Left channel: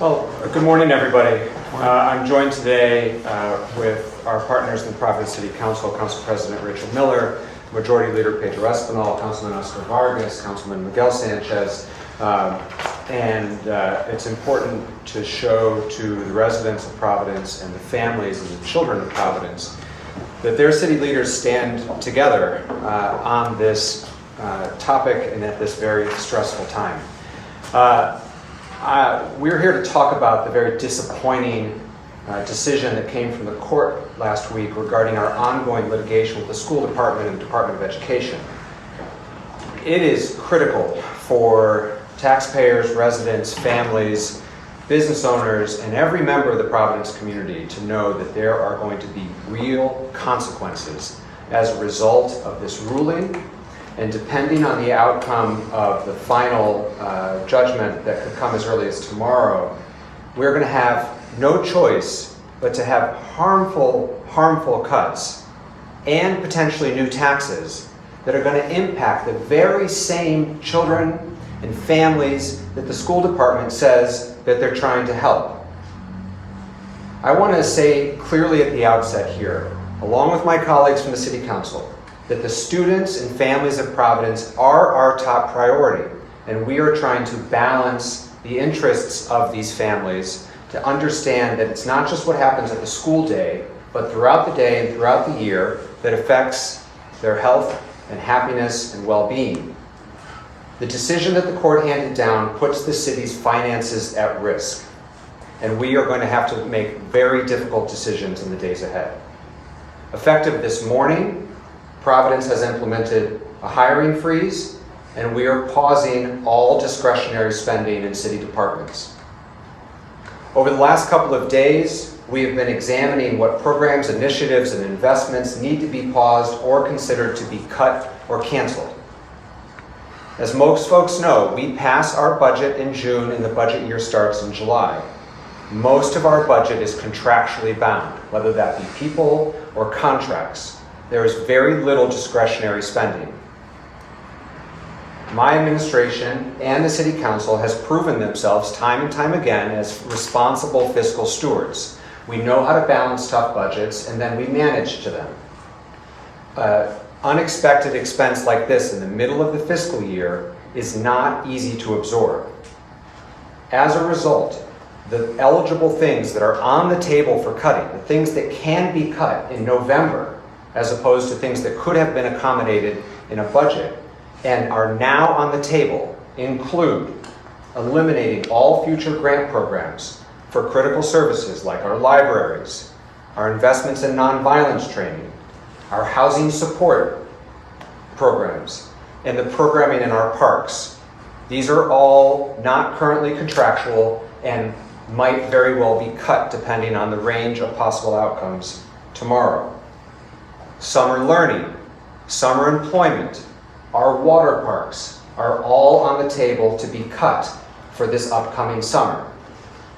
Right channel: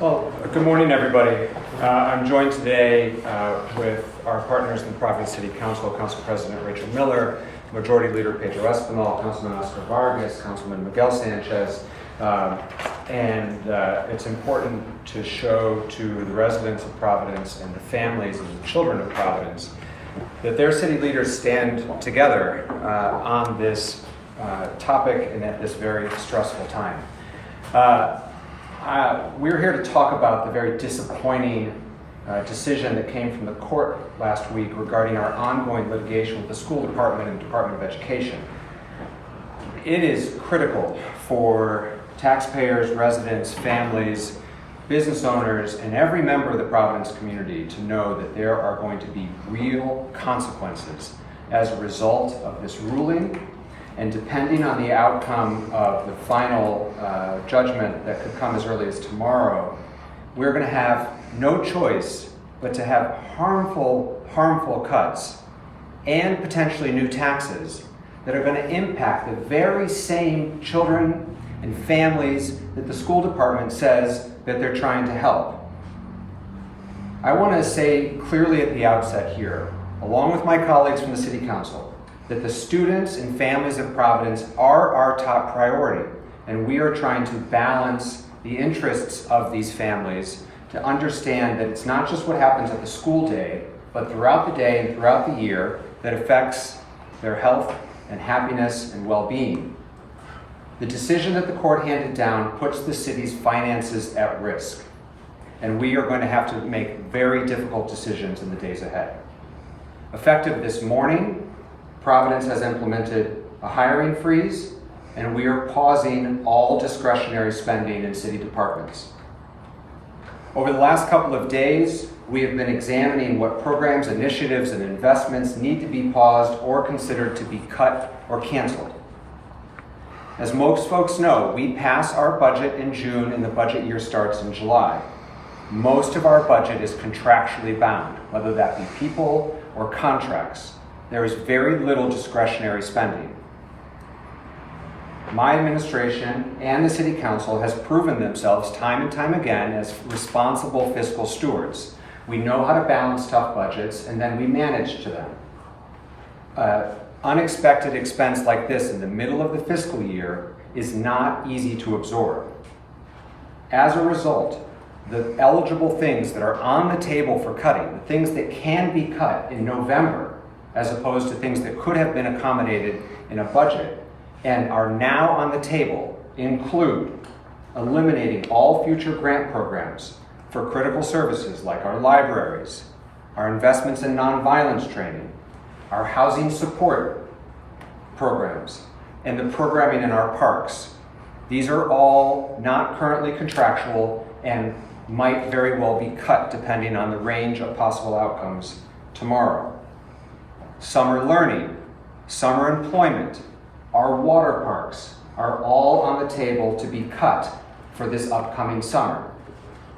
Well, good morning, everybody. I'm joined today with our partners in the Providence City Council, Council President Rachel Miller, Majority Leader Pedro Espinal, Councilman Oscar Vargas, Councilman Miguel Sanchez, and it's important to show to the residents of Providence and the families and the children of Providence that their city leaders stand together on this topic and at this very stressful time. We're here to talk about the very disappointing decision that came from the court last week regarding our ongoing litigation with the school department and Department of Education. It is critical for taxpayers, residents, families, business owners, and every member of the Providence community to know that there are going to be real consequences as a result of this ruling. And depending on the outcome of the final judgment that could come as early as tomorrow, we're going to have no choice but to have harmful cuts and potentially new taxes that are going to impact the very same children and families that the school department says that they're trying to help. I want to say clearly at the outset here, along with my colleagues from the City Council, that the students and families of Providence are our top priority, and we are trying to balance the interests of these families to understand that it's not just what happens at the school day, but throughout the day and throughout the year that affects their health and happiness and well-being. The decision that the court handed down puts the city's finances at risk, and we are going to have to make very difficult decisions in the days ahead. Effective this morning, Providence has implemented a hiring freeze, and we are pausing all discretionary spending in city departments. Over the last couple of days, we have been examining what programs, initiatives, and investments need to be paused or considered to be cut or canceled. As most folks know, we pass our budget in June and the budget year starts in July. Most of our budget is contractually bound, whether that be people or contracts. There is very little discretionary spending. My administration and the City Council has proven themselves time and time again as responsible fiscal stewards. We know how to balance tough budgets, and then we manage to them. Unexpected expense like this in the middle of the fiscal year is not easy to absorb. As a result, the eligible things that are on the table for cutting, the things that can be cut in November, as opposed to things that could have been accommodated in a budget and are now on the table, include eliminating all future grant programs for critical services like our libraries, our investments in nonviolence training, our housing support programs, and the programming in our parks. These are all not currently contractual and might very well be cut depending on the range of possible outcomes tomorrow. Summer learning, summer employment, our water parks are all on the table to be cut for this upcoming summer.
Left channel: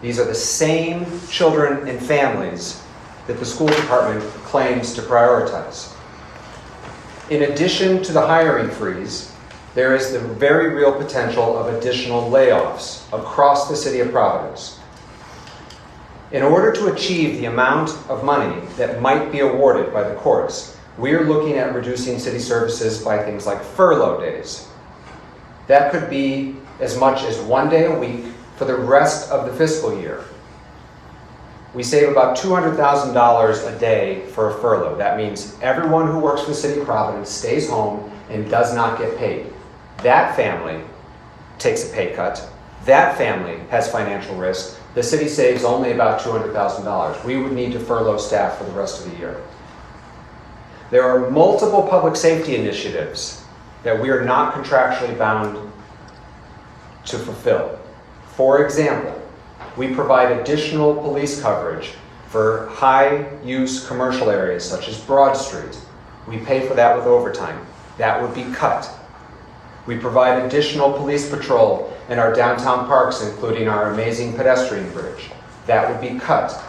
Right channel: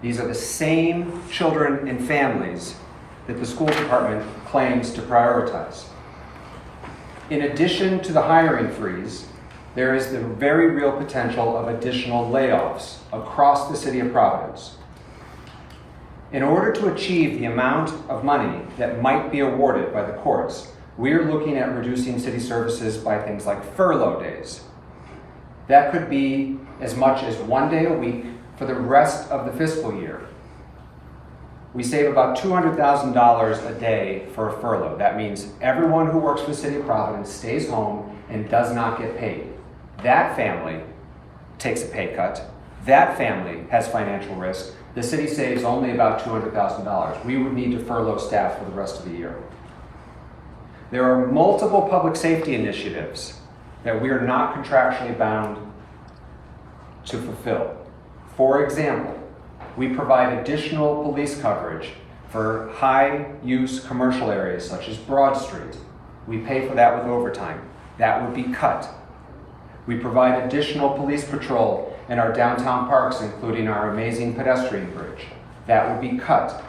These are the same children and families that the school department claims to prioritize. In addition to the hiring freeze, there is the very real potential of additional layoffs across the City of Providence. In order to achieve the amount of money that might be awarded by the courts, we're looking at reducing city services by things like furlough days. That could be as much as 1 day a week for the rest of the fiscal year. We save about $200,000 a day for a furlough. That means everyone who works for the City of Providence stays home and does not get paid. That family takes a pay cut. That family has financial risk. The city saves only about $200,000. We would need to furlough staff for the rest of the year. There are multiple public safety initiatives that we are not contractually bound to fulfill. For example, we provide additional police coverage for high-use commercial areas such as Broad Street. We pay for that with overtime. That would be cut. We provide additional police patrol in our downtown parks, including our amazing pedestrian bridge. That would be cut.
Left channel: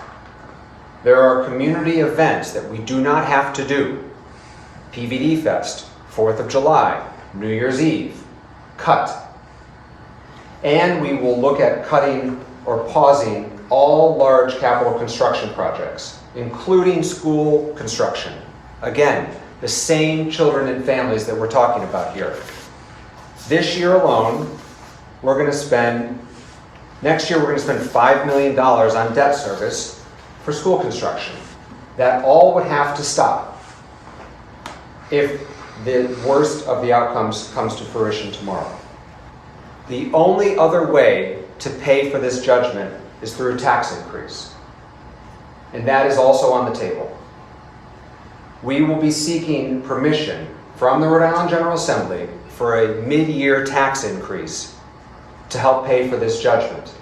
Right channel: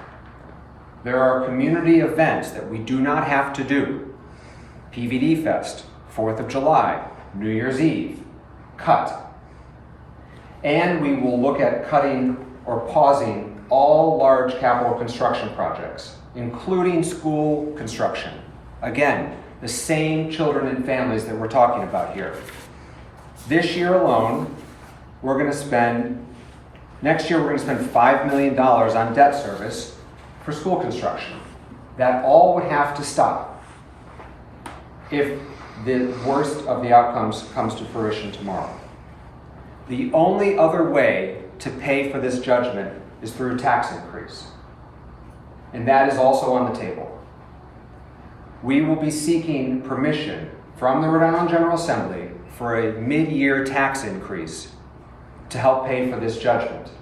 There are community events that we do not have to do. PVD Fest, 4th of July, New Year's Eve, cut. And we will look at cutting or pausing all large capital construction projects, including school construction. Again, the same children and families that we're talking about here. This year alone, next year we're going to spend $5 million on debt service for school construction. That all would have to stop if the worst of the outcomes comes to fruition tomorrow. The only other way to pay for this judgment is through a tax increase. And that is also on the table. We will be seeking permission from the Rhode Island General Assembly for a mid-year tax increase to help pay for this judgment.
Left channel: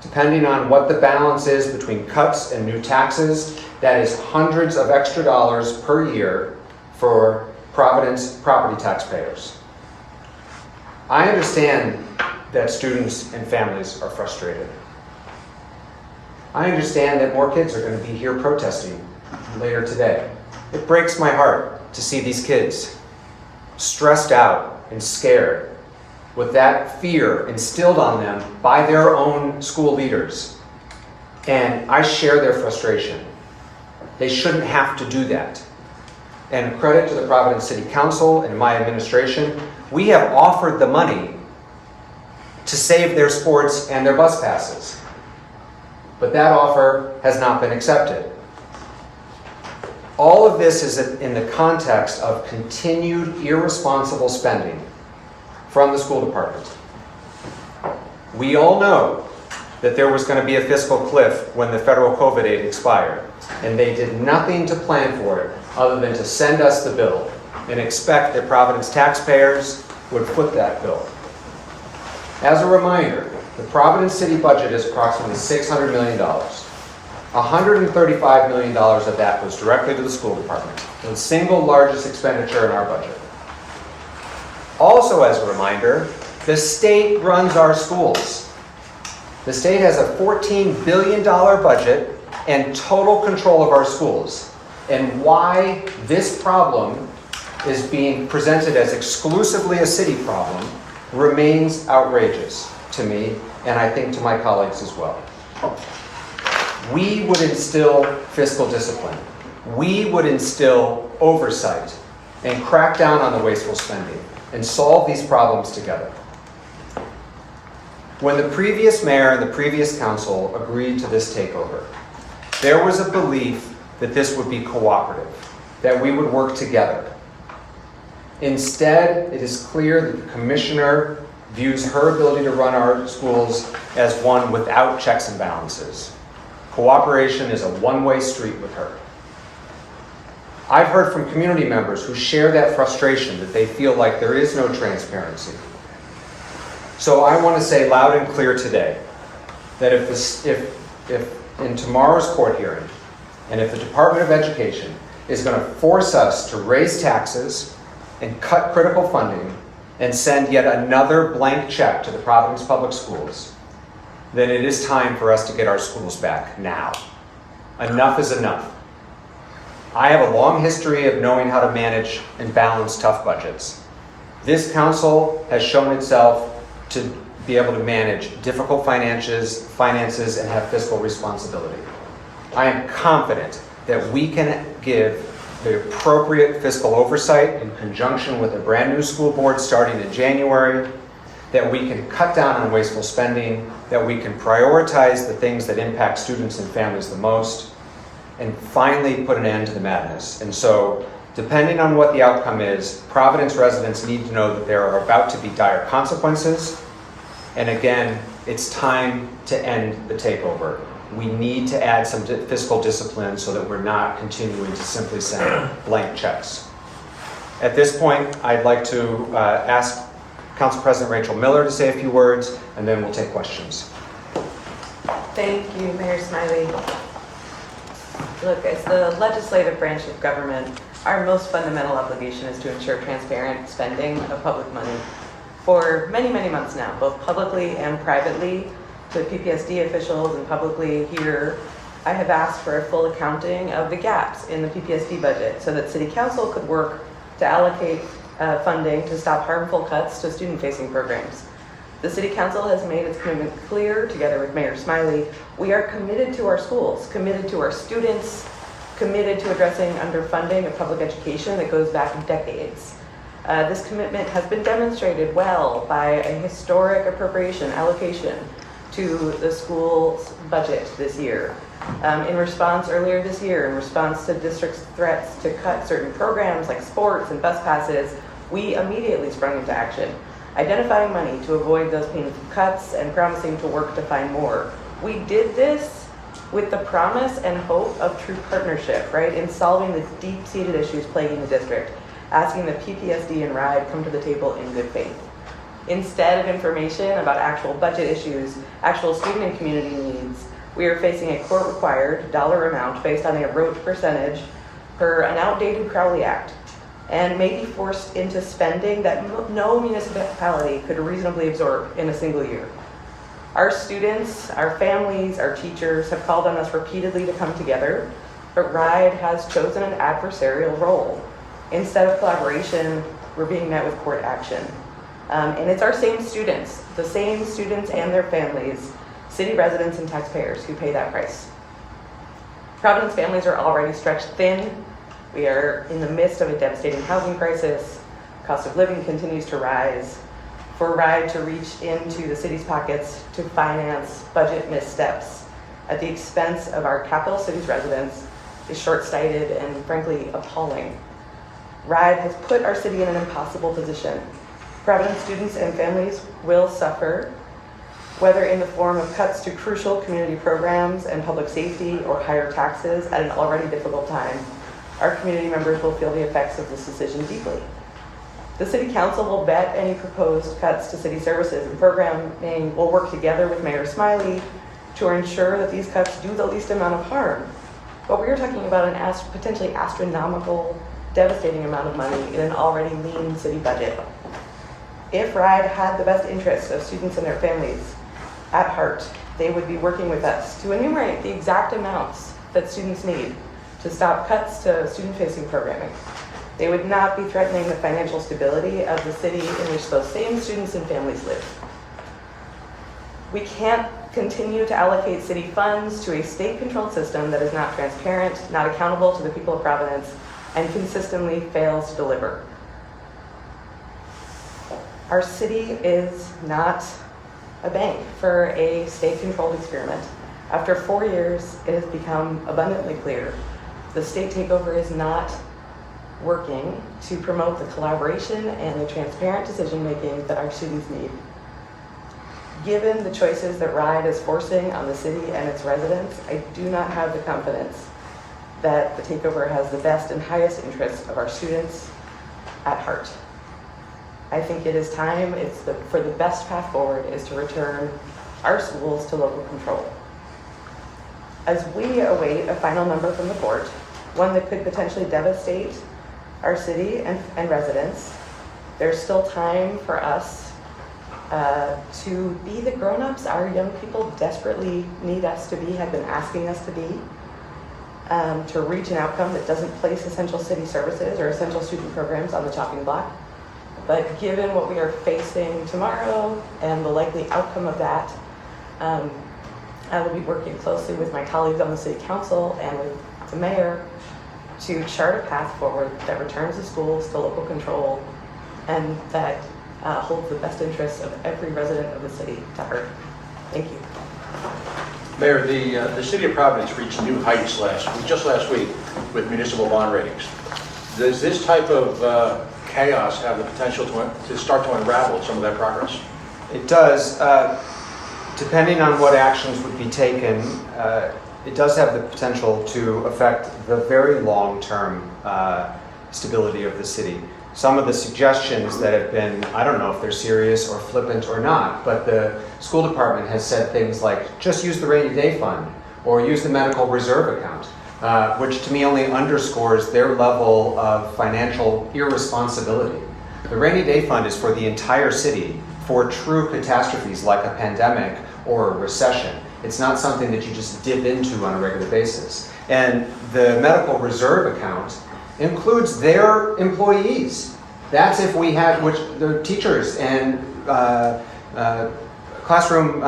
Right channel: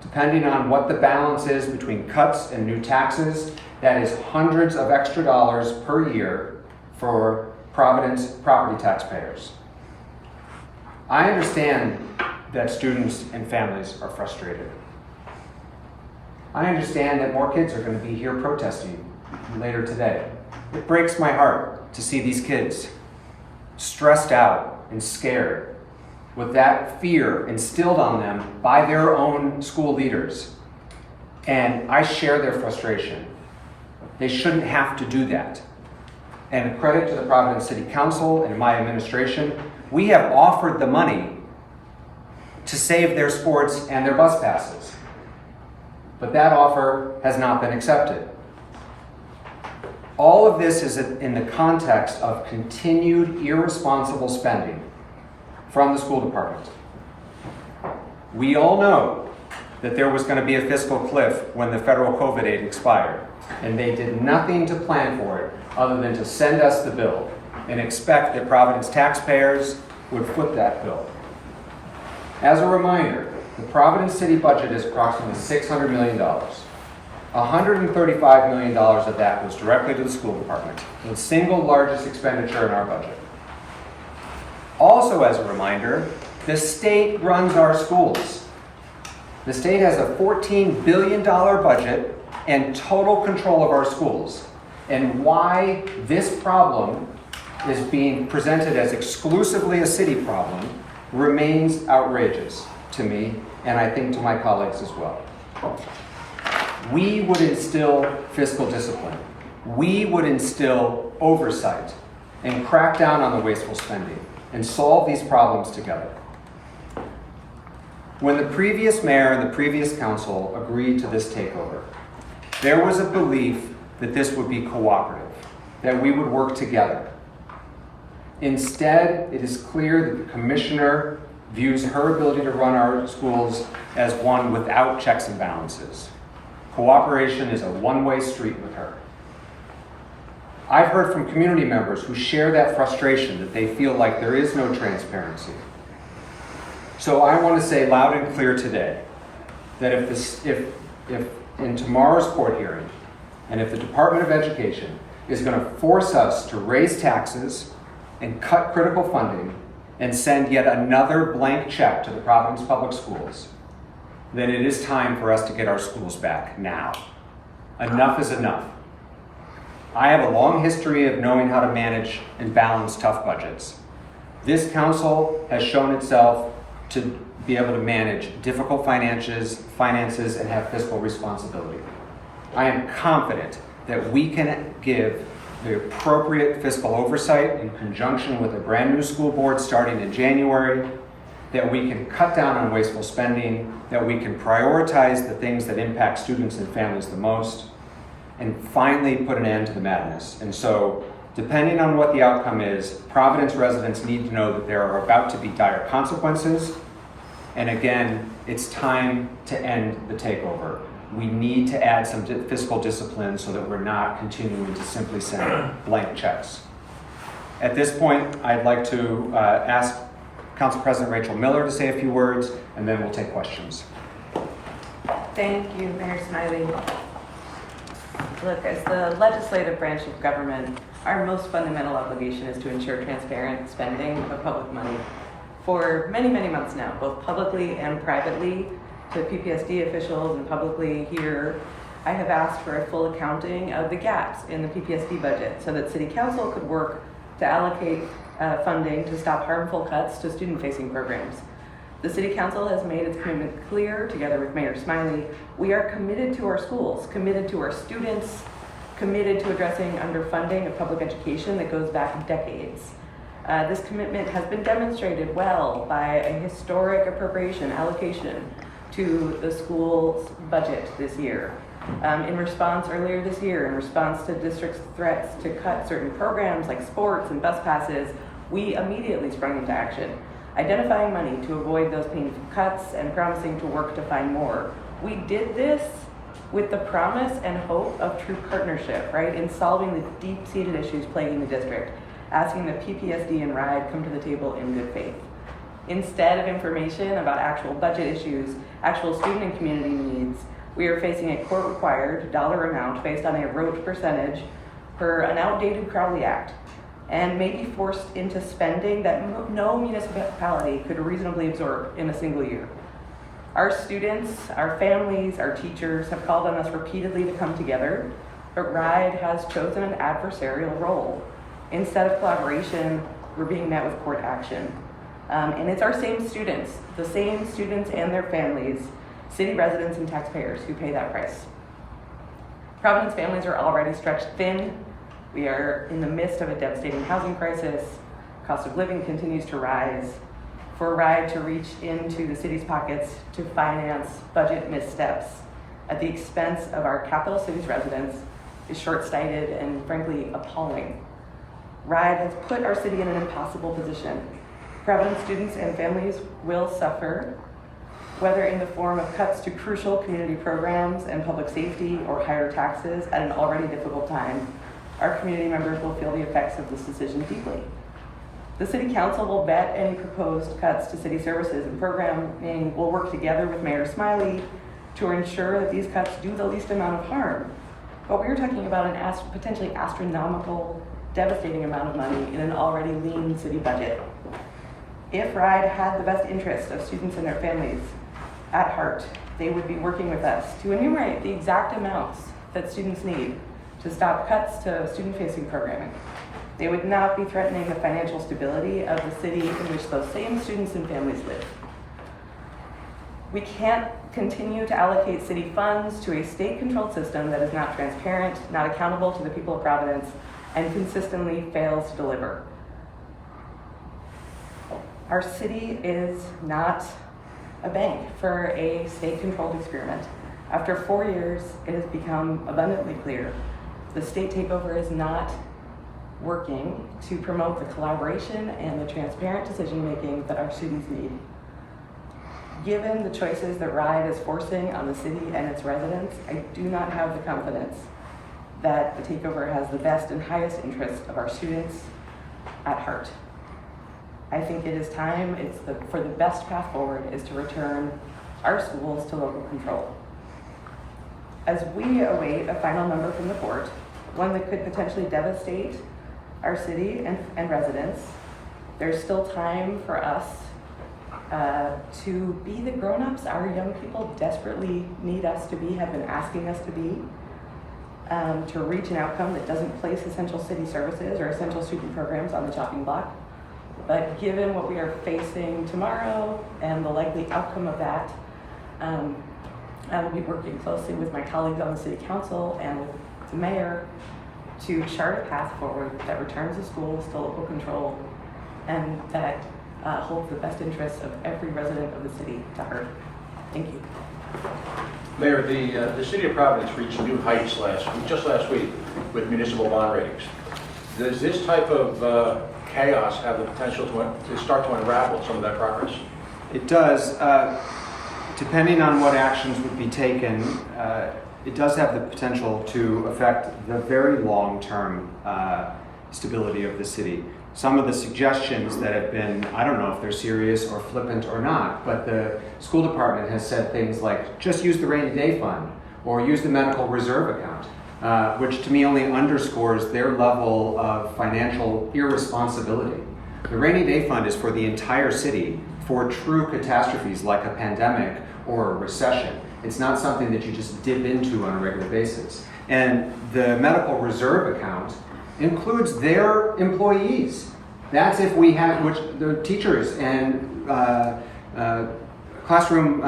Depending on what the balance is between cuts and new taxes, that is hundreds of extra dollars per year for Providence property taxpayers. I understand that students and families are frustrated. I understand that more kids are going to be here protesting later today. It breaks my heart to see these kids stressed out and scared with that fear instilled on them by their own school leaders. And I share their frustration. They shouldn't have to do that. And credit to the Providence City Council and my administration, we have offered the money to save their sports and their bus passes. But that offer has not been accepted. All of this is in the context of continued irresponsible spending from the school department. We all know that there was going to be a fiscal cliff when the federal COVID aid expired, and they did nothing to plan for it other than to send us the bill and expect that Providence taxpayers would foot that bill. As a reminder, the Providence City budget is approximately $600 million. $135 million of that was directly to the school department, the single largest expenditure in our budget. Also, as a reminder, the state runs our schools. The state has a $14 billion budget and total control of our schools. And why this problem is being presented as exclusively a city problem remains outrageous to me, and I think to my colleagues as well. We would instill fiscal discipline. We would instill oversight and crack down on the wasteful spending and solve these problems together. When the previous mayor and the previous council agreed to this takeover, there was a belief that this would be cooperative, that we would work together. Instead, it is clear that the commissioner views her ability to run our schools as one without checks and balances. Cooperation is a one-way street with her. I've heard from community members who share that frustration, that they feel like there is no transparency. So I want to say loud and clear today that if in tomorrow's court hearing, and if the Department of Education is going to force us to raise taxes and cut critical funding and send yet another blank check to the Providence Public Schools, then it is time for us to get our schools back now. Enough is enough. I have a long history of knowing how to manage and balance tough budgets. This council has shown itself to be able to manage difficult finances and have fiscal responsibility. I am confident that we can give the appropriate fiscal oversight in conjunction with a brand new school board starting in January, that we can cut down on wasteful spending, that we can prioritize the things that impact students and families the most, and finally put an end to the madness. And so, depending on what the outcome is, Providence residents need to know that there are about to be dire consequences. And again, it's time to end the takeover. We need to add some fiscal discipline so that we're not continuing to simply send blank checks. At this point, I'd like to ask Council President Rachel Miller to say a few words, and then we'll take questions. Thank you, Mayor Smiley. Look, as the legislative branch of government, our most fundamental obligation is to ensure transparent spending of public money. For many, many months now, both publicly and privately, to PPSD officials and publicly here, I have asked for a full accounting of the gaps in the PPSD budget so that City Council could work to allocate funding to stop harmful cuts to student-facing programs. The City Council has made its commitment clear, together with Mayor Smiley. We are committed to our schools, committed to our students, committed to addressing underfunding of public education that goes back decades. This commitment has been demonstrated well by a historic appropriation allocation to the school's budget this year. Earlier this year, in response to district's threats to cut certain programs like sports and bus passes, we immediately sprung into action, identifying money to avoid those painful cuts and promising to work to find more. We did this with the promise and hope of true partnership, right, in solving the deep-seated issues plaguing the district, asking the PPSD and RIDE come to the table in good faith. Instead of information about actual budget issues, actual student and community needs, we are facing a court-required dollar amount based on a rote percentage per an outdated Crowley Act, and may be forced into spending that no municipality could reasonably absorb in a single year. Our students, our families, our teachers have called on us repeatedly to come together, but RIDE has chosen an adversarial role. Instead of collaboration, we're being met with court action. And it's our same students, the same students and their families, city residents and taxpayers who pay that price. Providence families are already stretched thin. We are in the midst of a devastating housing crisis. Cost of living continues to rise. For RIDE to reach into the city's pockets to finance budget missteps at the expense of our capital city's residents is short-sighted and frankly appalling. RIDE has put our city in an impossible position. Providence students and families will suffer, whether in the form of cuts to crucial community programs and public safety or higher taxes at an already difficult time. Our community members will feel the effects of this decision deeply. The City Council will vet any proposed cuts to city services and programming. We'll work together with Mayor Smiley to ensure that these cuts do the least amount of harm. But we are talking about an potentially astronomical, devastating amount of money in an already lean city budget. If RIDE had the best interests of students and their families at heart, they would be working with us to enumerate the exact amounts that students need to stop cuts to student-facing programming. They would not be threatening the financial stability of the city in which those same students and families live. We can't continue to allocate city funds to a state-controlled system that is not transparent, not accountable to the people of Providence, and consistently fails to deliver. Our city is not a bank for a state-controlled experiment. After 4 years, it has become abundantly clear the state takeover is not working to promote the collaboration and the transparent decision-making that our students need. Given the choices that RIDE is forcing on the city and its residents, I do not have the confidence that the takeover has the best and highest interests of our students at heart. I think it is time, for the best path forward is to return our schools to local control. As we await a final number from the court, one that could potentially devastate our city and residents, there's still time for us to be the grown-ups our young people desperately need us to be, have been asking us to be, to reach an outcome that doesn't place essential city services or essential student programs on the chopping block. But given what we are facing tomorrow and the likely outcome of that, I will be working closely with my colleagues on the City Council and with the mayor to chart a path forward that returns the schools to local control and that holds the best interests of every resident of the city to heart. Thank you. Mayor, the City of Providence reached new heights just last week with municipal bond ratings. Does this type of chaos have the potential to start to unravel some of that progress? It does. Depending on what actions would be taken, it does have the potential to affect the very long-term stability of the city. Some of the suggestions that have been, I don't know if they're serious or flippant or not, but the school department has said things like, just use the rainy day fund or use the medical reserve account, which to me only underscores their level of financial irresponsibility. The rainy day fund is for the entire city for true catastrophes like a pandemic or a recession. It's not something that you just dip into on a regular basis. And the medical reserve account includes their employees. That's if we have, which the teachers and classroom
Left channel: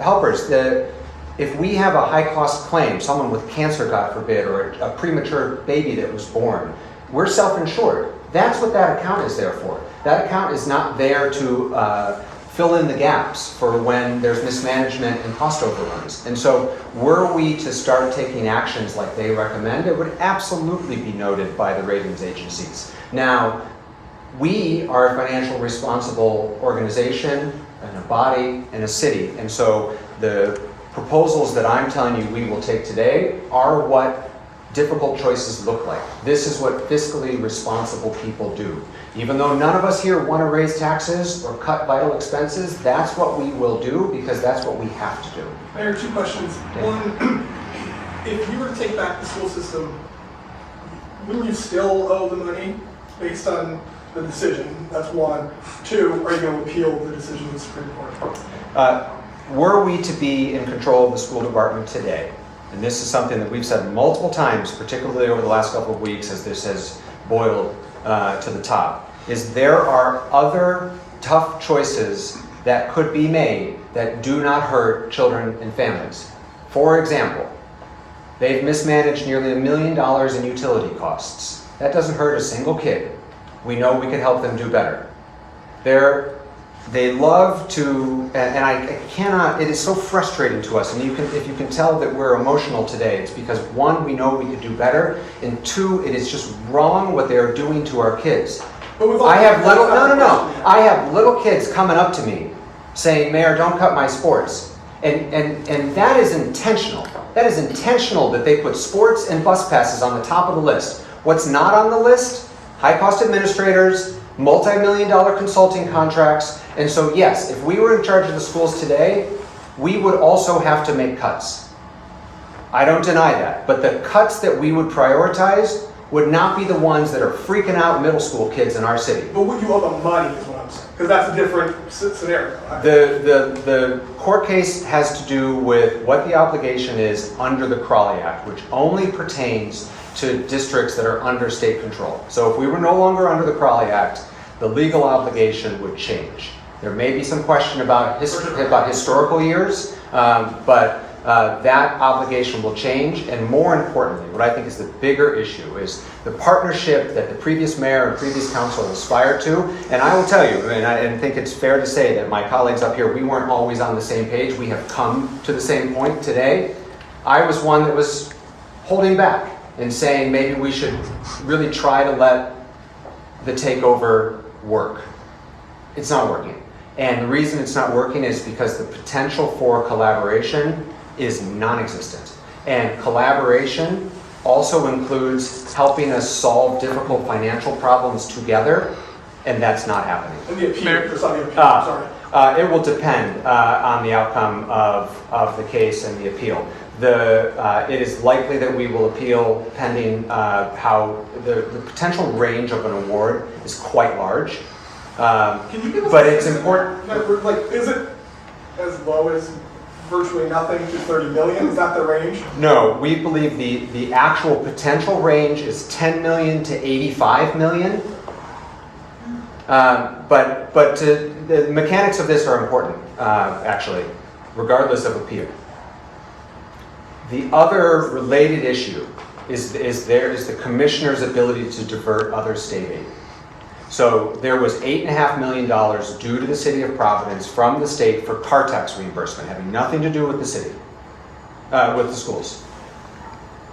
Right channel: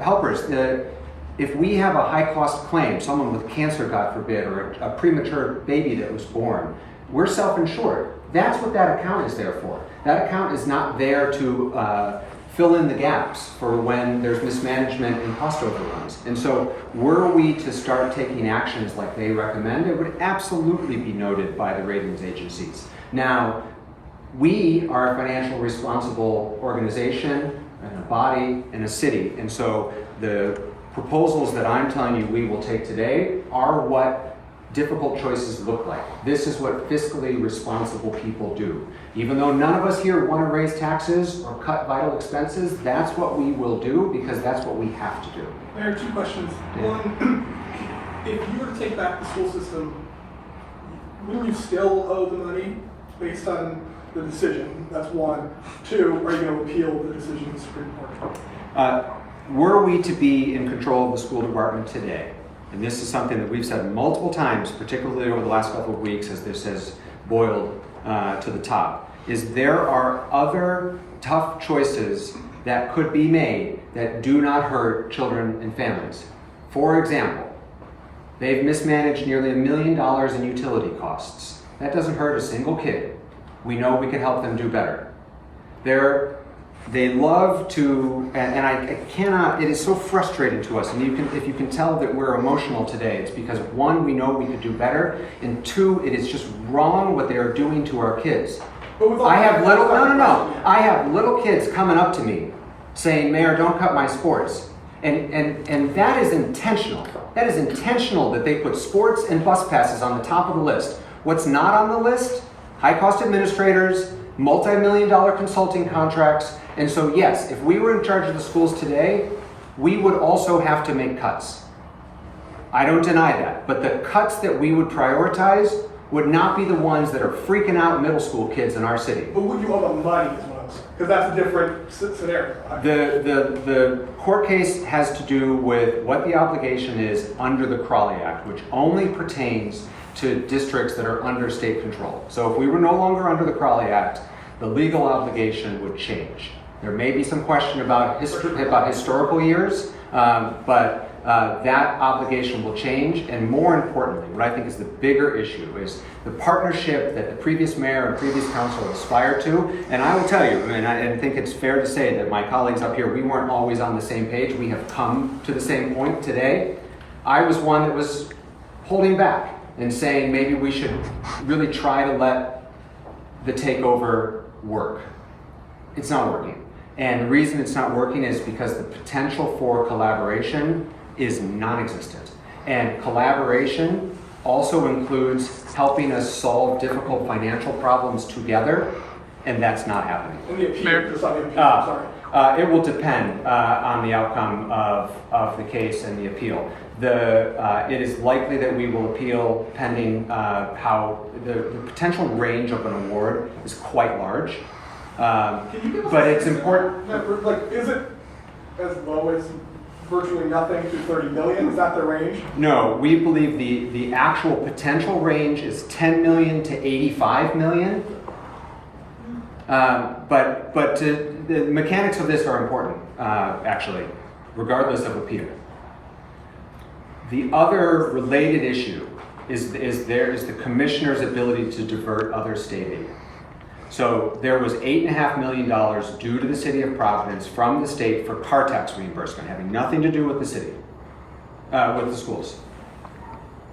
helpers. If we have a high-cost claim, someone with cancer, God forbid, or a premature baby that was born, we're self-insured. That's what that account is there for. That account is not there to fill in the gaps for when there's mismanagement and cost overruns. And so were we to start taking actions like they recommend, it would absolutely be noted by the ratings agencies. Now, we are a financially responsible organization and a body and a city. And so the proposals that I'm telling you we will take today are what difficult choices look like. This is what fiscally responsible people do. Even though none of us here want to raise taxes or cut vital expenses, that's what we will do because that's what we have to do. Mayor, two questions. Yeah. One, if you were to take back the school system, will you still owe the money based on the decision? That's one. Two, are you going to appeal the decision of the Supreme Court? Were we to be in control of the school department today, and this is something that we've said multiple times, particularly over the last couple of weeks as this has boiled to the top, is there are other tough choices that could be made that do not hurt children and families. For example, they've mismanaged nearly $1 million in utility costs. That doesn't hurt a single kid. We know we can help them do better. They love to, and I cannot, it is so frustrating to us, and if you can tell that we're emotional today, it's because one, we know we could do better, and two, it is just wrong what they are doing to our kids. I have little kids coming up to me saying, Mayor, don't cut my sports. And that is intentional. That is intentional that they put sports and bus passes on the top of the list. What's not on the list? High-cost administrators, multi-million-dollar consulting contracts. And so yes, if we were in charge of the schools today, we would also have to make cuts. I don't deny that. But the cuts that we would prioritize would not be the ones that are freaking out middle school kids in our city. But would you owe the money is what I'm saying? Because that's a different scenario. The court case has to do with what the obligation is under the Crawley Act, which only pertains to districts that are under state control. So if we were no longer under the Crawley Act, the legal obligation would change. There may be some question about historical years, but that obligation will change. And more importantly, what I think is the bigger issue is the partnership that the previous mayor and previous council aspired to. And I will tell you, and I think it's fair to say that my colleagues up here, we weren't always on the same page. We have come to the same point today. I was one that was holding back and saying maybe we should really try to let the takeover work. It's not working. And the reason it's not working is because the potential for collaboration is non-existent. And collaboration also includes helping us solve difficult financial problems together, and that's not happening. And the appeal, there's not the appeal, sorry. It will depend on the outcome of the case and the appeal. It is likely that we will appeal pending how the potential range of an award is quite large. Can you give us But it's important. Like, is it as low as virtually nothing to 30 million? Is that the range? No, we believe the actual potential range is 10 million to 85 million. But the mechanics of this are important, actually, regardless of appeal. The other related issue is the commissioner's ability to divert other state aid. So there was $8.5 million due to the City of Providence from the state for car tax reimbursement, having nothing to do with the city, with the schools.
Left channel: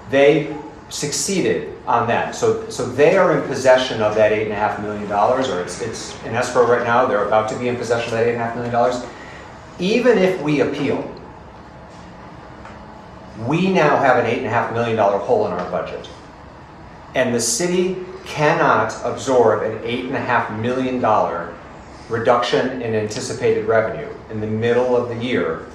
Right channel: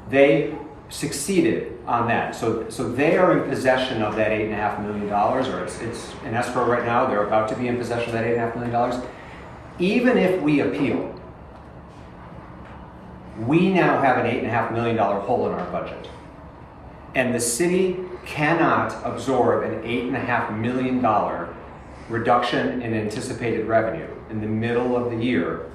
They succeeded on that. So they are in possession of that $8.5 million, or it's in escrow right now. They're about to be in possession of that $8.5 million. Even if we appeal, we now have an $8.5 million hole in our budget. And the city cannot absorb an $8.5 million reduction in anticipated revenue in the middle of the year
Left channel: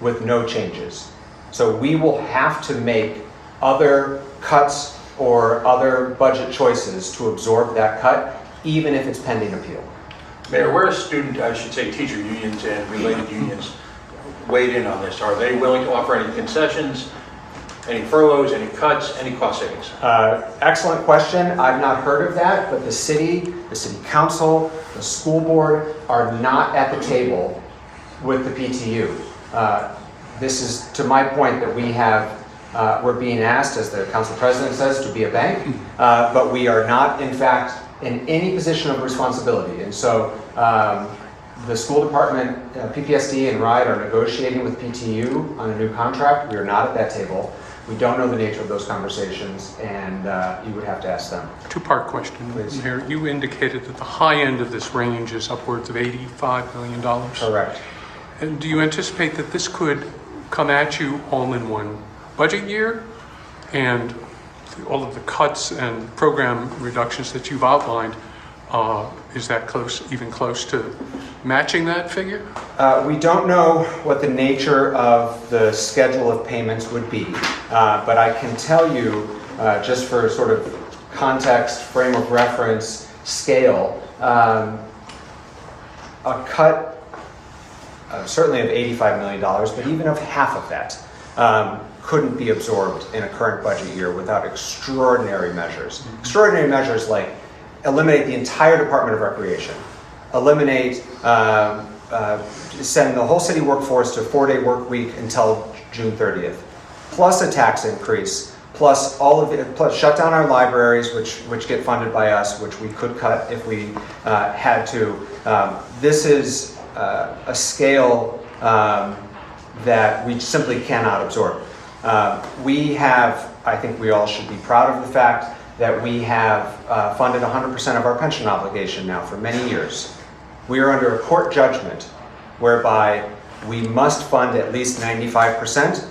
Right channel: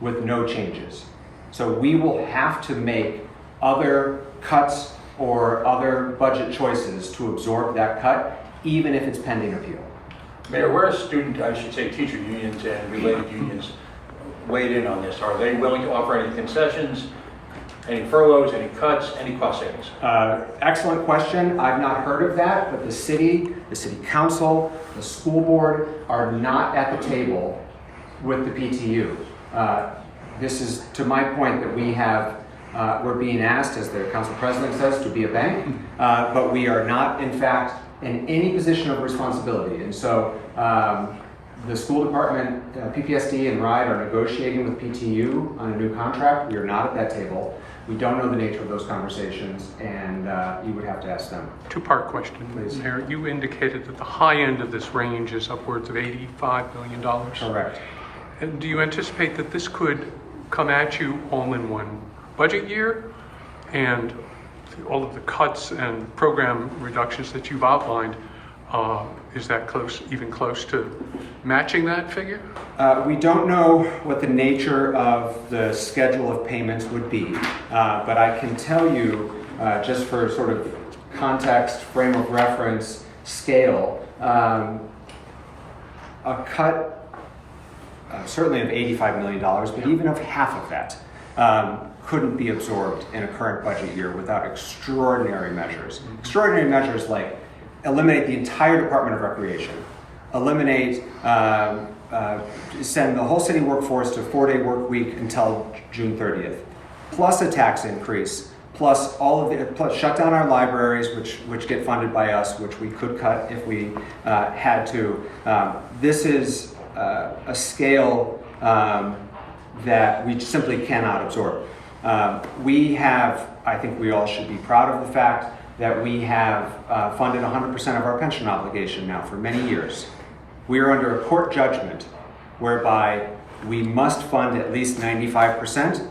with no changes. So we will have to make other cuts or other budget choices to absorb that cut, even if it's pending appeal. Mayor, where are teacher unions and related unions weighed in on this? Are they willing to offer any concessions, any furloughs, any cuts, any cost savings? Excellent question. I've not heard of that, but the city council, the school board are not at the table with the PTU. This is to my point that we have, we're being asked, as the council president says, to be a bank, but we are not, in fact, in any position of responsibility. And so the school department, PPSD and RIDE are negotiating with PTU on a new contract. We are not at that table. We don't know the nature of those conversations, and you would have to ask them. Two-part question, Please. Mayor. You indicated that the high end of this range is upwards of $85 million. Correct. And do you anticipate that this could come at you all in one budget year? And all of the cuts and program reductions that you've outlined, is that even close to matching that figure? We don't know what the nature of the schedule of payments would be, but I can tell you, just for sort of context, frame of reference, scale, a cut certainly of $85 million, but even of half of that couldn't be absorbed in a current budget year without extraordinary measures. Extraordinary measures like eliminate the entire Department of Recreation, eliminate, send the whole city workforce to a 4-day work week until June 30th, plus a tax increase, plus all of it, plus shut down our libraries, which get funded by us, which we could cut if we had to. This is a scale that we simply cannot absorb. We have, I think we all should be proud of the fact that we have funded 100% of our pension obligation now for many years. We are under a court judgment whereby we must fund at least 95%,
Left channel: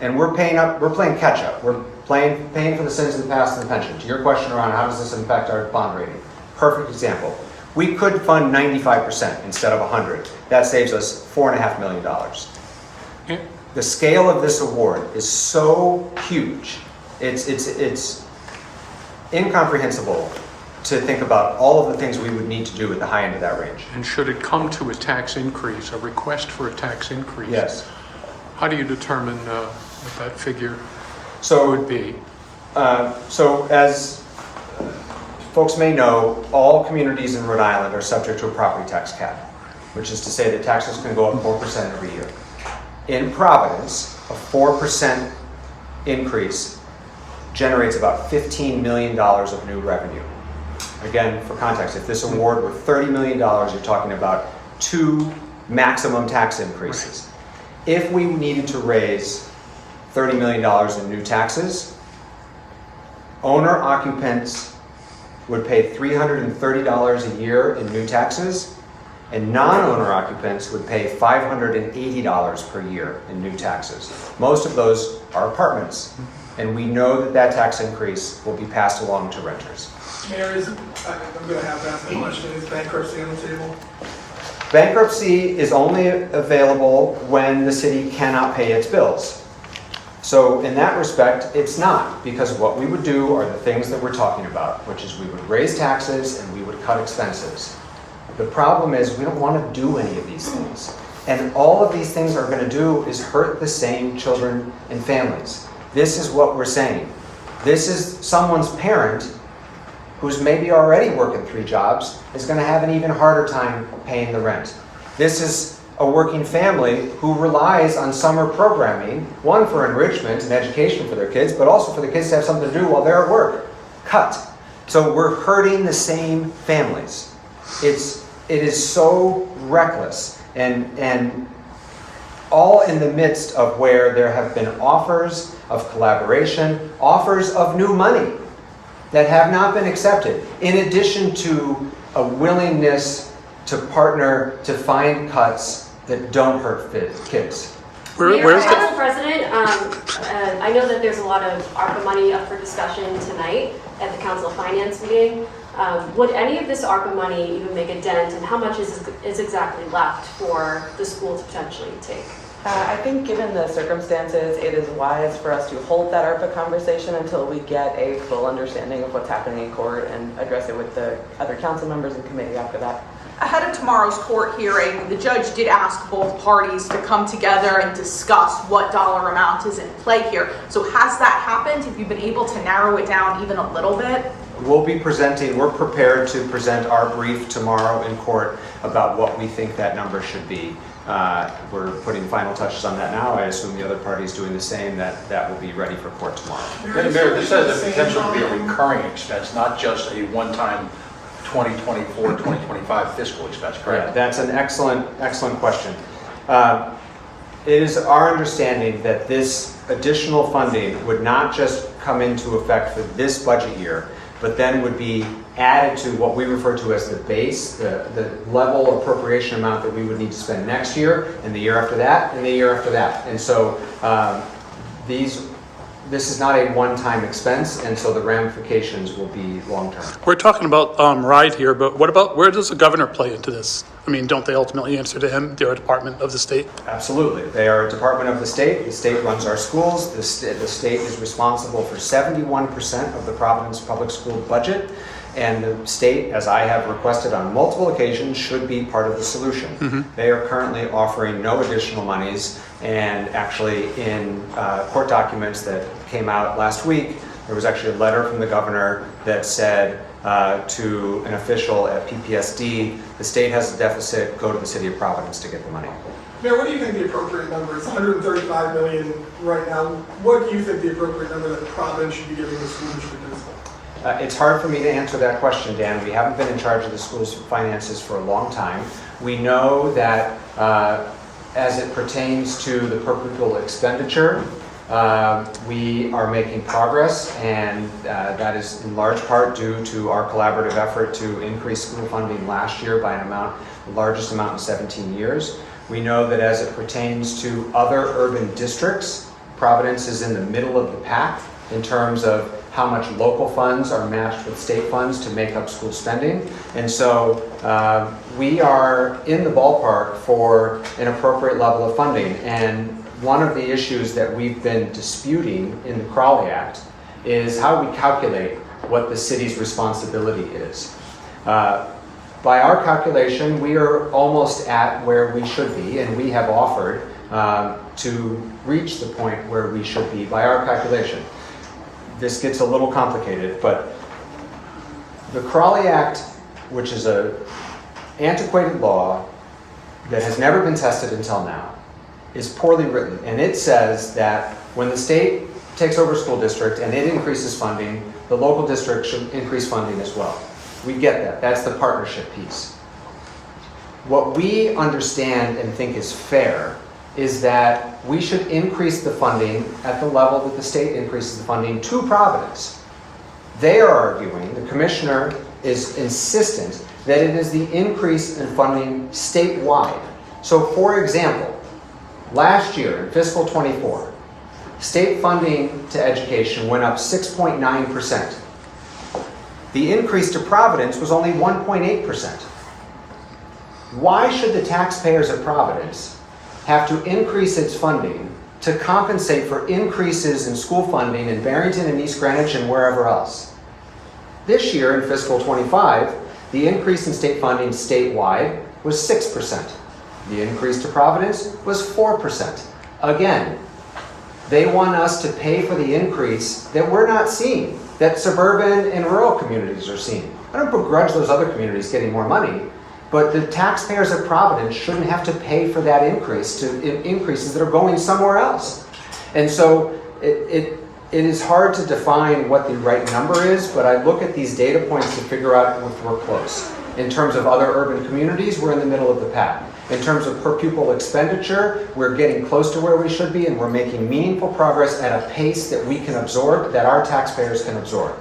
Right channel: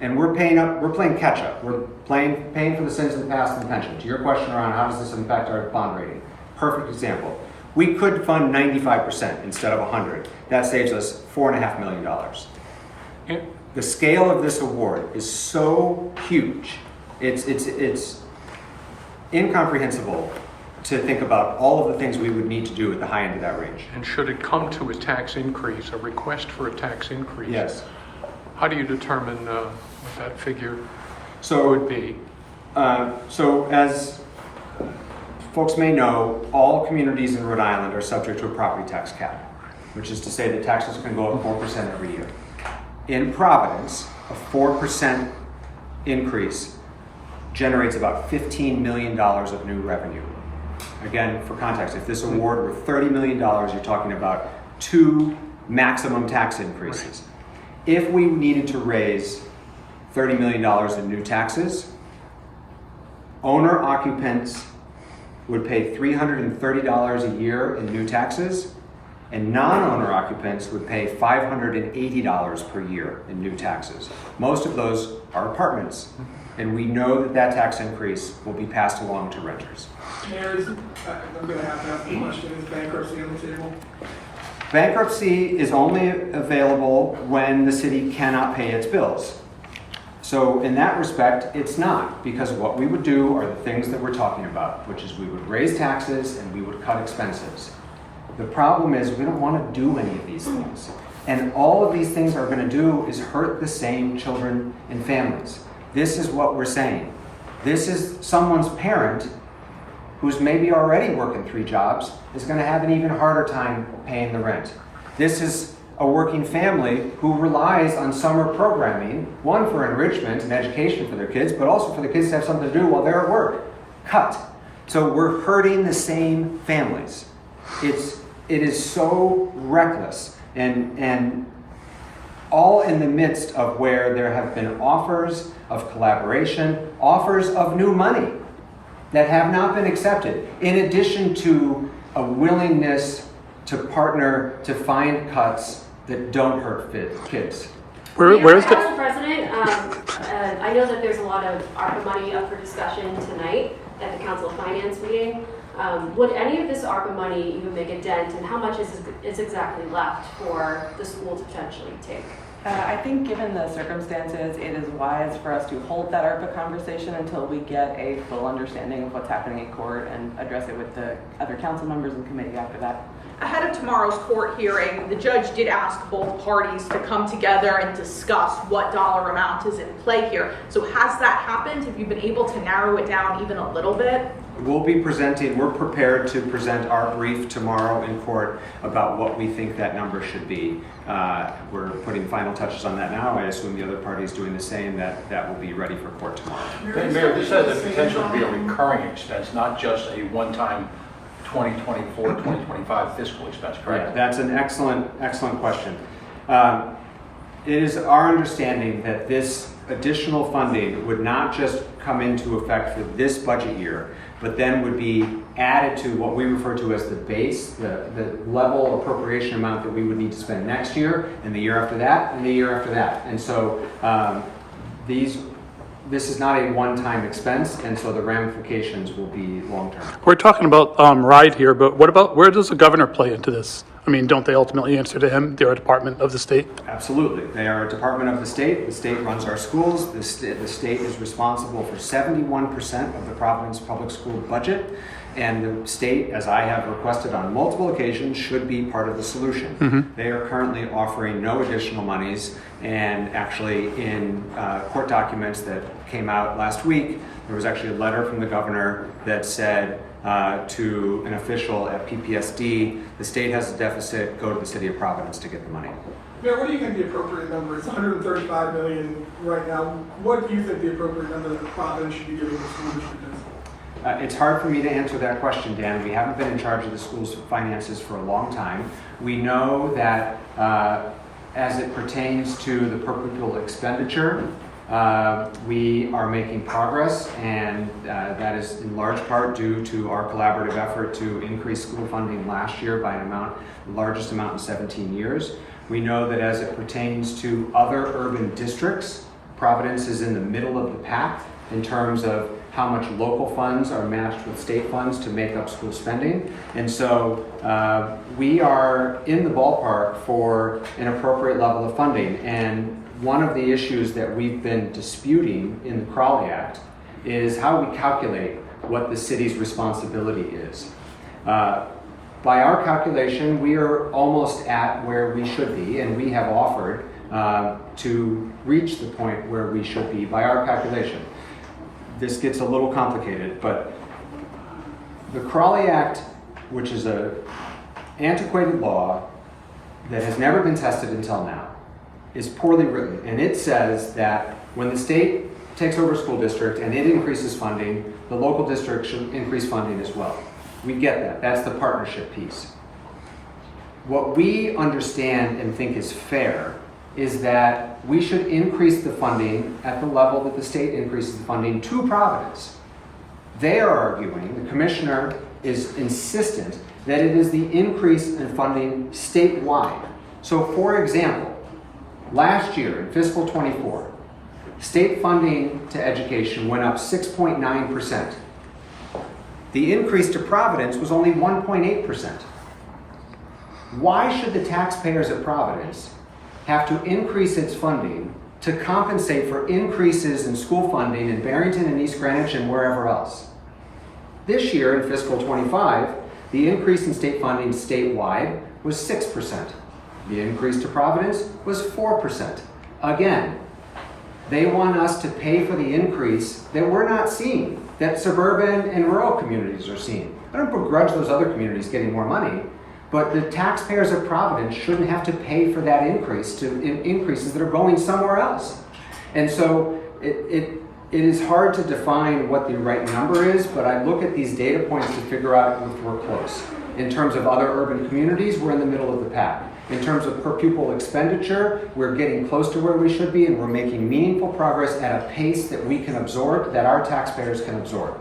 and we're playing catch up. We're paying for the sins of the past in the pension. To your question around how does this impact our bond rating? Perfect example. We could fund 95% instead of 100. That saves us $4.5 million. Yeah. The scale of this award is so huge. It's incomprehensible to think about all of the things we would need to do at the high end of that range. And should it come to a tax increase, a request for a tax increase? Yes. How do you determine what that figure So, would be? so as folks may know, all communities in Rhode Island are subject to a property tax cap, which is to say that taxes can go up 4% every year. In Providence, a 4% increase generates about $15 million of new revenue. Again, for context, if this award were $30 million, you're talking about 2 maximum tax increases. Right. If we needed to raise $30 million in new taxes, owner-occupants would pay $330 a year in new taxes, and non-owner occupants would pay $580 per year in new taxes. Most of those are apartments, and we know that that tax increase will be passed along to renters. Mayor, I'm going to have to ask the question, is bankruptcy on the table? Bankruptcy is only available when the city cannot pay its bills. So in that respect, it's not, because what we would do are the things that we're talking about, which is we would raise taxes and we would cut expenses. The problem is we don't want to do any of these things. And all of these things are going to do is hurt the same children and families. This is what we're saying. This is someone's parent who's maybe already working 3 jobs is going to have an even harder time paying the rent. This is a working family who relies on summer programming, one for enrichment and education for their kids, but also for the kids to have something to do while they're at work. Cut. So we're hurting the same families. It is so reckless, and all in the midst of where there have been offers of collaboration, offers of new money that have not been accepted, in addition to a willingness to partner to find cuts that don't hurt kids. Mayor, Council President, I know that there's a lot of ARPA money up for discussion tonight at the Council Finance meeting. Would any of this ARPA money even make a dent, and how much is exactly left for the school to potentially take? I think given the circumstances, it is wise for us to hold that ARPA conversation until we get a full understanding of what's happening in court and address it with the other council members and committee after that. Ahead of tomorrow's court hearing, the judge did ask both parties to come together and discuss what dollar amount is in play here. So has that happened? Have you been able to narrow it down even a little bit? We're prepared to present our brief tomorrow in court about what we think that number should be. We're putting final touches on that now. I assume the other party's doing the same, that will be ready for court tomorrow. Mayor, this has the potential to be a recurring expense, not just a one-time 2024, 2025 fiscal expense, Yeah, correct? that's an excellent question. It is our understanding that this additional funding would not just come into effect for this budget year, but then would be added to what we refer to as the base, the level appropriation amount that we would need to spend next year, and the year after that, and the year after that. And so this is not a one-time expense, and so the ramifications will be long-term. We're talking about RIDE here, but what about, where does the governor play into this? I mean, don't they ultimately answer to him? They're a department of the state. Absolutely. They are a department of the state. The state runs our schools. The state is responsible for 71% of the Providence public school budget. And the state, as I have requested on multiple occasions, should be part of the solution. Mm-hmm. They are currently offering no additional monies. And actually in court documents that came out last week, there was actually a letter from the governor that said to an official at PPSD, the state has a deficit, go to the City of Providence to get the money. Mayor, what do you think the appropriate number is? 135 million right now. What do you think the appropriate number that Providence should be giving the school district is? It's hard for me to answer that question, Dan. We haven't been in charge of the school's finances for a long time. We know that as it pertains to the per pupil expenditure, we are making progress, and that is in large part due to our collaborative effort to increase school funding last year by the largest amount in 17 years. We know that as it pertains to other urban districts, Providence is in the middle of the pack in terms of how much local funds are matched with state funds to make up school spending. And so we are in the ballpark for an appropriate level of funding. And one of the issues that we've been disputing in the Crawley Act is how we calculate what the city's responsibility is. By our calculation, we are almost at where we should be, and we have offered to reach the point where we should be by our calculation. This gets a little complicated, but the Crawley Act, which is an antiquated law that has never been tested until now, is poorly written. And it says that when the state takes over a school district and it increases funding, the local district should increase funding as well. We get that. That's the partnership piece. What we understand and think is fair is that we should increase the funding at the level that the state increases the funding to Providence. They are arguing, the commissioner is insistent, that it is the increase in funding statewide. So for example, last year in fiscal 24, state funding to education went up 6.9%. The increase to Providence was only 1.8%. Why should the taxpayers of Providence have to increase its funding to compensate for increases in school funding in Barrington and East Greenwich and wherever else? This year in fiscal 25, the increase in state funding statewide was 6%. The increase to Providence was 4%. Again, they want us to pay for the increase that we're not seeing, that suburban and rural communities are seeing. I don't begrudge those other communities getting more money, but the taxpayers of Providence shouldn't have to pay for that increase to increases that are going somewhere else. And so it is hard to define what the right number is, but I look at these data points to figure out if we're close. In terms of other urban communities, we're in the middle of the pack. In terms of per pupil expenditure, we're getting close to where we should be, and we're making meaningful progress at a pace that we can absorb, that our taxpayers can absorb.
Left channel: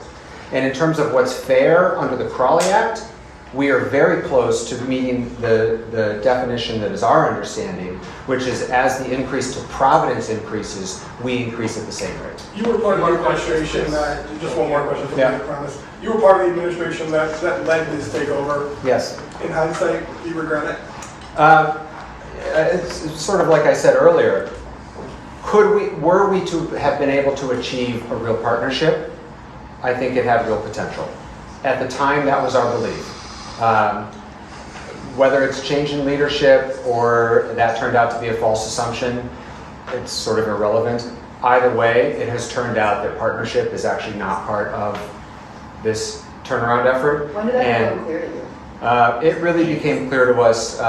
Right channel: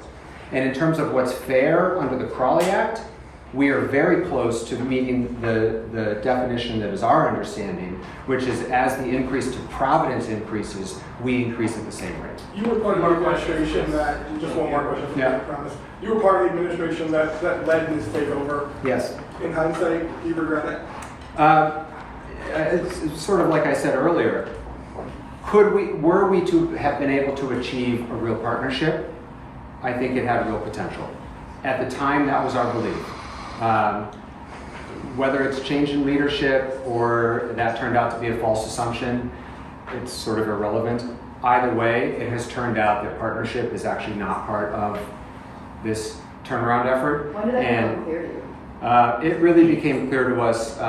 And in terms of what's fair under the Crawley Act, we are very close to meeting the definition that is our understanding, which is as the increase to Providence increases, we increase at the same rate. You were part of the administration that, just one more question for me, Yeah. I promise. You were part of the administration that led this takeover. Yes. In hindsight, do you regret it? It's sort of like I said earlier, were we to have been able to achieve a real partnership, I think it had real potential. At the time, that was our belief. whether it's change in leadership or that turned out to be a false assumption, it's sort of irrelevant. Either way, it has turned out that partnership is actually not part of this turnaround effort. When did that become clear to you? It really became clear to us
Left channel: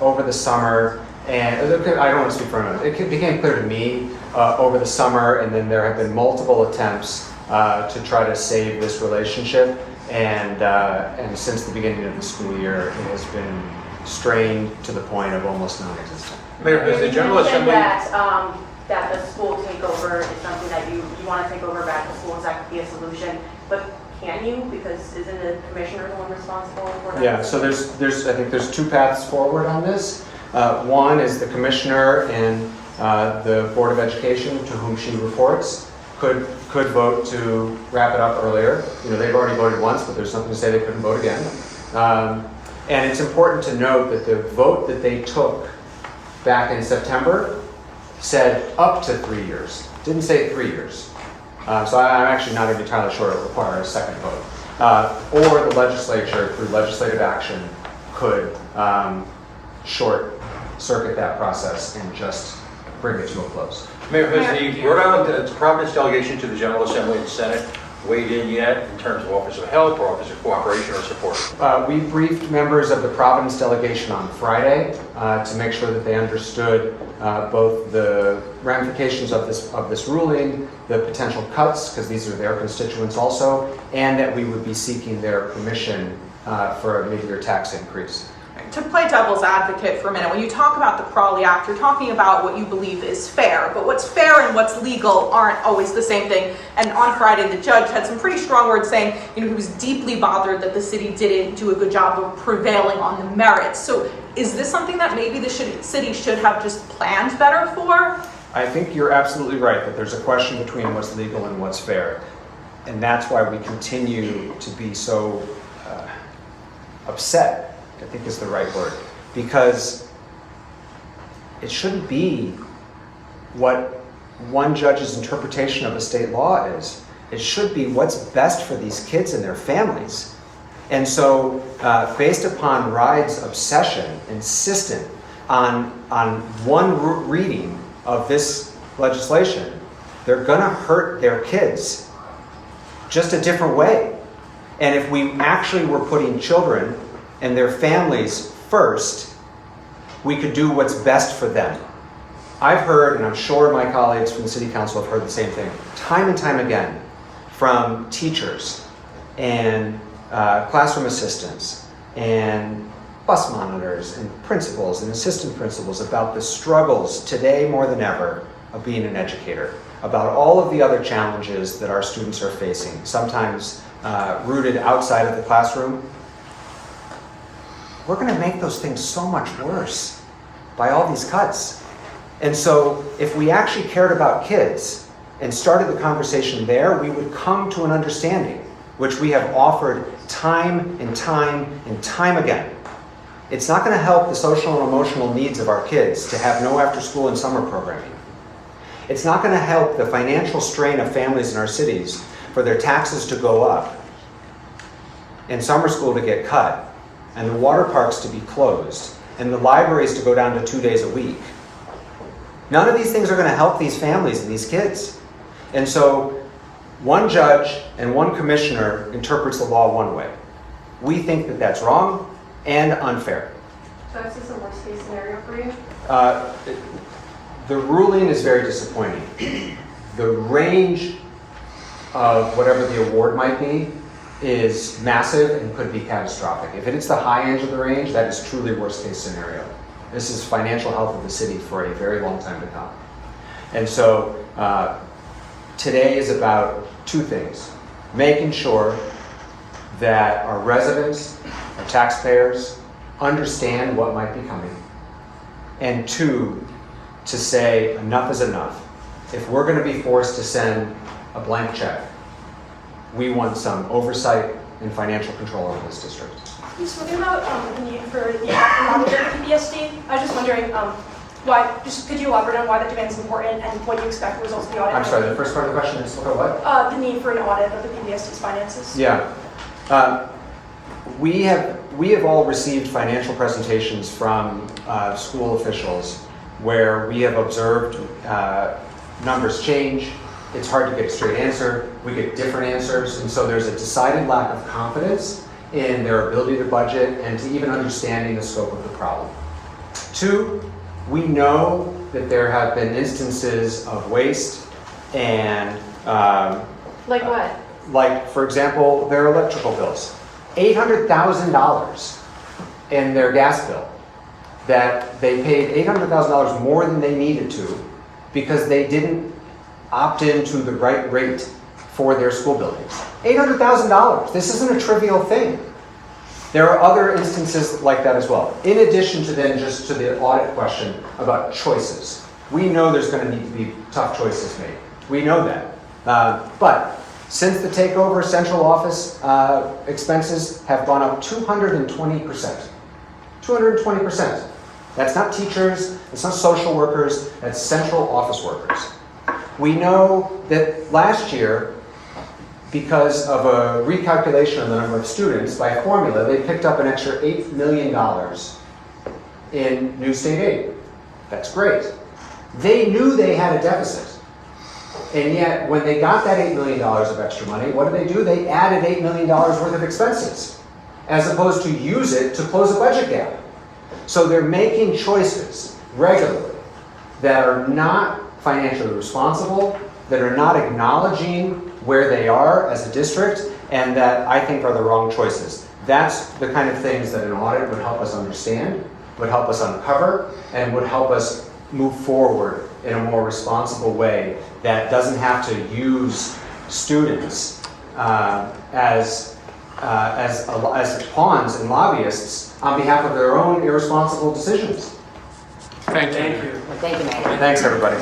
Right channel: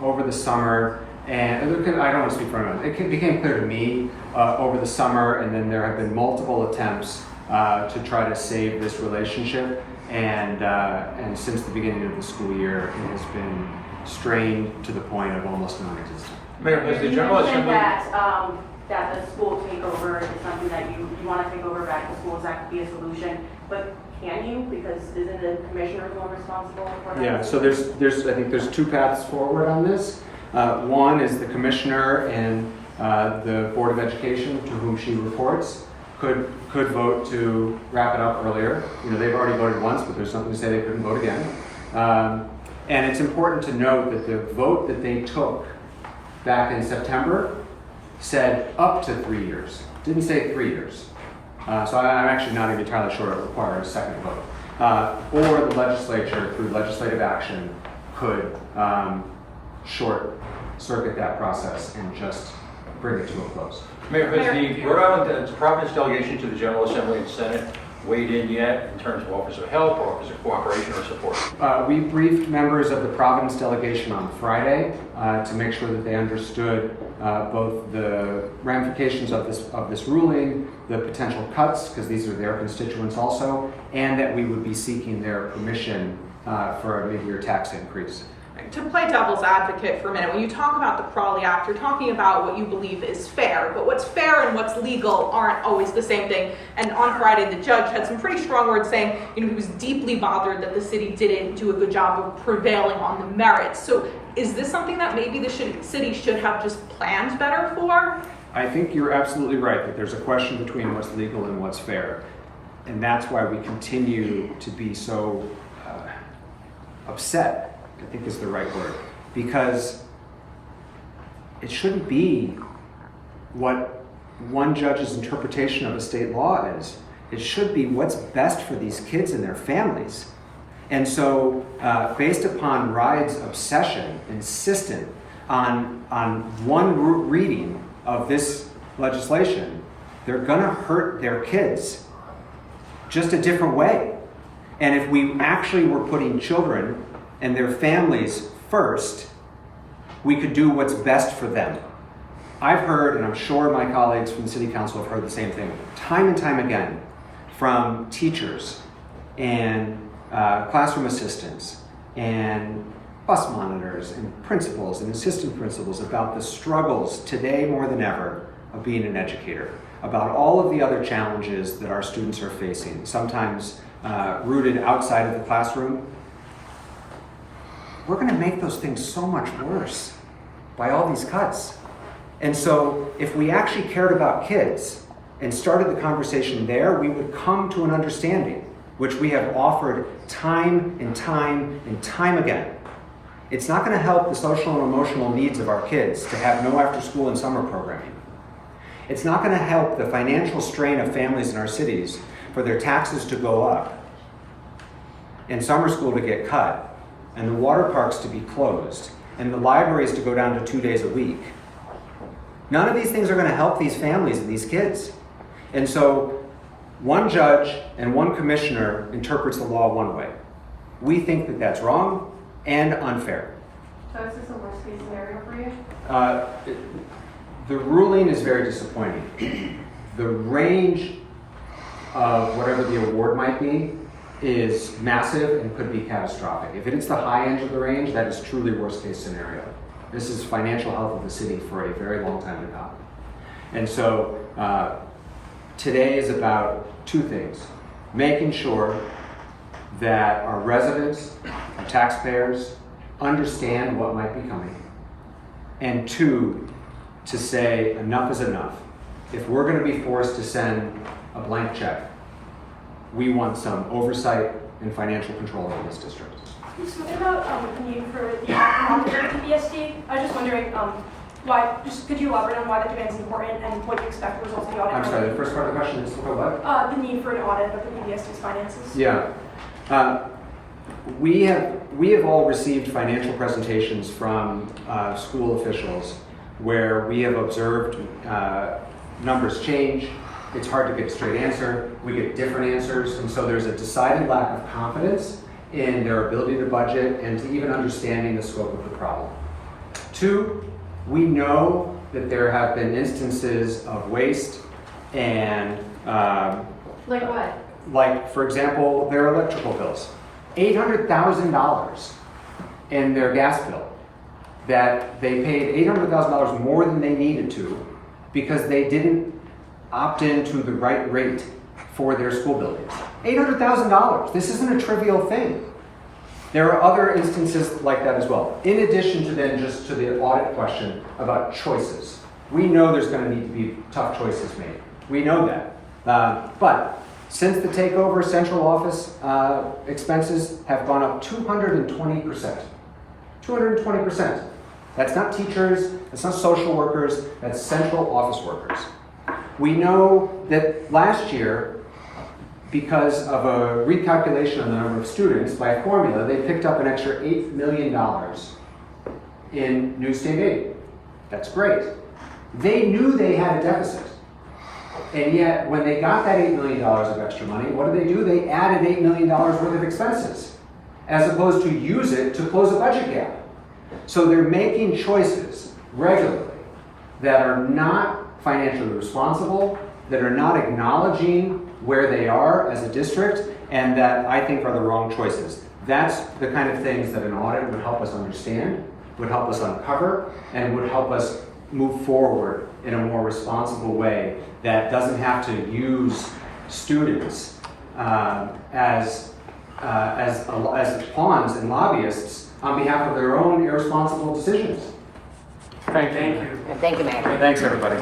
over the summer, and I don't want to speak for anyone. It became clear to me over the summer, and then there have been multiple attempts to try to save this relationship. And since the beginning of the school year, it has been strained to the point of almost non-existent. Mayor, has the General You mentioned Assembly... that the school takeover is something that you want to take over back to schools, that could be a solution, but can you? Because isn't the commissioner the one responsible for that? Yeah, so I think there's two paths forward on this. One is the commissioner and the Board of Education, to whom she reports, could vote to wrap it up earlier. You know, they've already voted once, but there's something to say they couldn't vote again. And it's important to note that the vote that they took back in September said up to 3 years. Didn't say 3 years. So I'm actually not entirely sure it requires a second vote. Or the legislature, through legislative action, could short circuit that process and just bring it to a close. Mayor, has the Rhode Island Providence delegation to the General Assembly and Senate weighed in yet in terms of Office of Help or Office of Cooperation or Support? We briefed members of the Providence delegation on Friday to make sure that they understood both the ramifications of this ruling, the potential cuts, because these are their constituents also, and that we would be seeking their permission for a mid-year tax increase. To play devil's advocate for a minute, when you talk about the Crawley Act, you're talking about what you believe is fair, but what's fair and what's legal aren't always the same thing. And on Friday, the judge had some pretty strong words saying, he was deeply bothered that the city didn't do a good job of prevailing on the merits. So is this something that maybe the city should have just planned better for? I think you're absolutely right that there's a question between what's legal and what's fair. And that's why we continue to be so upset, I think is the right word, because it shouldn't be what one judge's interpretation of a state law is. It should be what's best for these kids and their families. And so, based upon Ride's obsession, insistent on one reading of this legislation, they're gonna hurt their kids just a different way. And if we actually were putting children and their families first, we could do what's best for them. I've heard, and I'm sure my colleagues from the City Council have heard the same thing, time and time again, from teachers and classroom assistants and bus monitors and principals and assistant principals about the struggles today more than ever of being an educator, about all of the other challenges that our students are facing, sometimes rooted outside of the classroom. We're going to make those things so much worse by all these cuts. And so if we actually cared about kids and started the conversation there, we would come to an understanding, which we have offered time and time and time again. It's not going to help the social and emotional needs of our kids to have no after-school and summer programming. It's not going to help the financial strain of families in our cities for their taxes to go up and summer school to get cut and the water parks to be closed and the libraries to go down to 2 days a week. None of these things are going to help these families and these kids. And so one judge and one commissioner interprets the law one way. We think that that's wrong and unfair. So is this a worst case scenario for you? The ruling is very disappointing. The range of whatever the award might be is massive and could be catastrophic. If it hits the high end of the range, that is truly worst case scenario. This is financial health of the city for a very long time to come. And so today is about two things: making sure that our residents, our taxpayers, understand what might be coming, and two, to say enough is enough. If we're going to be forced to send a blank check, we want some oversight and financial control over this district. Just looking about the need for the calendar PPSD, I was just wondering why, just could you elaborate on why the demand is important and what you expect the results of the audit? I'm sorry, the first part of the question is look at what? The need for an audit of the PPSD's finances. Yeah. we have all received financial presentations from school officials where we have observed numbers change. It's hard to get a straight answer. We get different answers, and so there's a decided lack of confidence in their ability to budget and to even understanding the scope of the problem. 2, we know that there have been instances of waste and Like what? like, for example, their electrical bills. $800,000 in their gas bill, that they paid $800,000 more than they needed to because they didn't opt into the right rate for their school buildings. $800,000. This isn't a trivial thing. There are other instances like that as well. In addition to then just to the audit question about choices. We know there's going to need to be tough choices made. We know that. But since the takeover, central office expenses have gone up 220%. 220%. That's not teachers, that's not social workers, that's central office workers. We know that last year, because of a recalculation of the number of students by a formula, they picked up an extra $8 million in new state aid. That's great. They knew they had a deficit. And yet, when they got that $8 million of extra money, what did they do? They added $8 million worth of expenses, as opposed to use it to close a budget gap. So they're making choices regularly that are not financially responsible, that are not acknowledging where they are as a district, and that I think are the wrong choices. That's the kind of things that an audit would help us understand, would help us uncover, and would help us move forward in a more responsible way that doesn't have to use students as pawns and lobbyists on behalf of their own irresponsible decisions. Thank you. Thank you, Mayor. Thanks, everybody.